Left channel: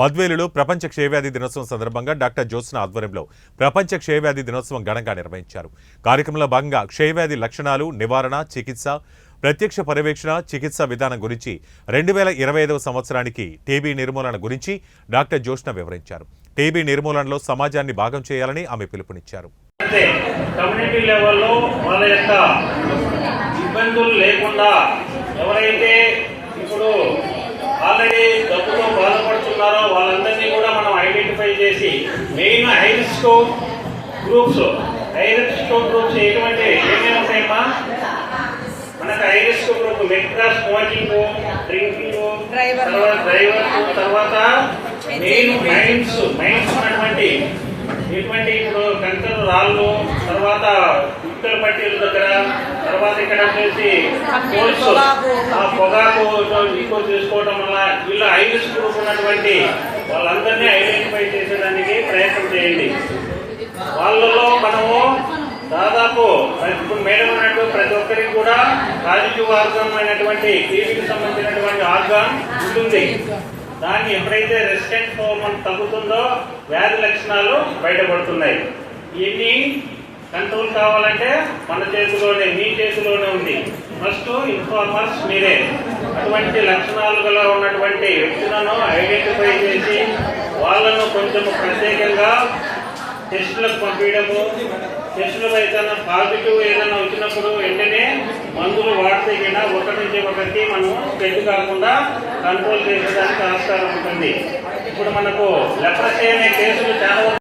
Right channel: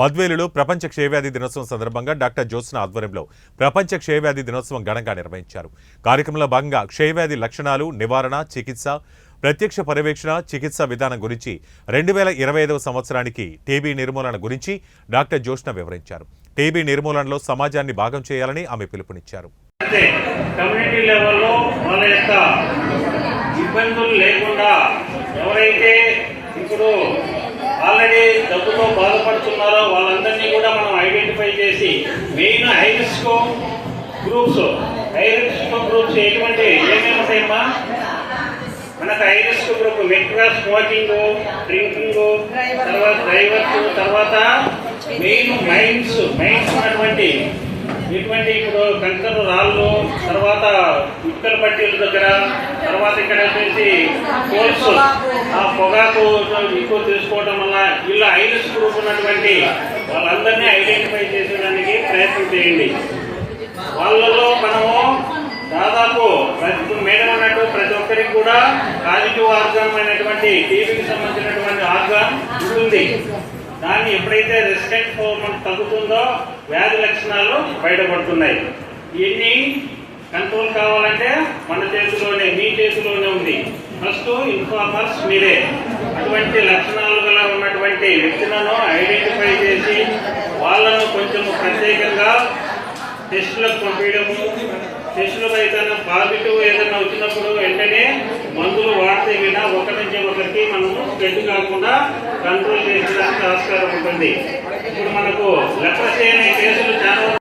బద్వేలులో ప్రపంచ క్షయవ్యాధి దినోత్సవం సందర్భంగా డాక్టర్ జ్యోత్స్న ఆధ్వర్యంలో ప్రపంచ క్షయవ్యాధి దినోత్సవం ఘనంగా నిర్వహించారు. కార్యక్రమంలో భాగంగా క్షయవ్యాధి లక్షణాలు, నివారణ, చికిత్స, ప్రత్యక్ష పర్యవేక్షణ, చికిత్స విధానం గురించి 2025వ సంవత్సరానికి టీబీ నిర్మూలన గురించి డాక్టర్ జ్యోత్స్న వివరించారు. టీబీ నిర్మూలనలో సమాజాన్ని భాగం చేయాలని ఆమె పిలుపునిచ్చారు. కమ్యూనిటీ లెవెల్లో వాళ్ళ యొక్క ఇబ్బందులు లేకుండా ఎవరైతే ఇప్పుడు ఆల్రెడీ జబ్బుతో బాధపడుతున్నారో వాళ్ళందరినీ కూడా మనం ఐడెంటిఫై చేసి మెయిన్ హై రిస్క్ గ్రూప్స్ ఎటువంటి ఏమేమి ఉంటాయమ్మా? మనకు హై రిస్క్ గ్రూప్ మెట్రా స్మోకింగ్, డ్రింకింగ్, తర్వాత డ్రైవర్స్, తర్వాత మెయిన్ మైన్స్ ఉన్నటువంటి ఇటువంటి ఇప్పుడు కంకర రాళ్ళు, తర్వాత ఇటుకల పట్టీల దగ్గర, తర్వాత ఇక్కడ వచ్చేసి కోల్స్, ఆ పొగాకు ఎక్కువ తీసుకోవడం వల్ల ఇలా ఐరిస్ గ్రూప్ ఉన్నటువంటి వాళ్ళందరినీ ఐడెంటిఫై చేసేదానికి ప్రయత్నం చేయండి. వాళ్ళలో మనము దాదాపు ఇప్పుడు మేడం అన్నట్టు ప్రతి ఒక్కరికి కూడా పాజిటివ్ ఆర్గాన్ అయినటువంటి టీబీకి సంబంధించినటువంటి ఆర్గాన్ ఉంటుంది. దాన్ని ఎప్పుడైతే రెసిస్టెంట్ మనకు తగ్గుతుందో వ్యాధి లక్షణాలు బయటపడుతున్నాయి. ఇన్ని కంట్రోల్ కావాలంటే మన చేతిలోనే, మీ చేతిలోనే ఉంది. ఫస్ట్ ఇన్ఫార్మర్స్ మీరే. అటువంటి లక్షణాలు గల ఉన్నటువంటి వ్యక్తులను ఐడెంటిఫై చేసి వాళ్ళను కొంచెం ప్రత్యేకంగా టెస్టులకు పంపించడము, టెస్టులు ఏదైనా పాజిటివ్ ఏదైనా వచ్చినప్పుడు వెంటనే మందులు వాడితే వినా ఒకరి నుంచి ఒకరికి మనము స్ప్రెడ్ కాకుండా కంట్రోల్ చేసేదానికి ఆస్కారం ఉంటుంది. ఇప్పుడు మనకు లెప్రసీ అనే కేసులు చాలా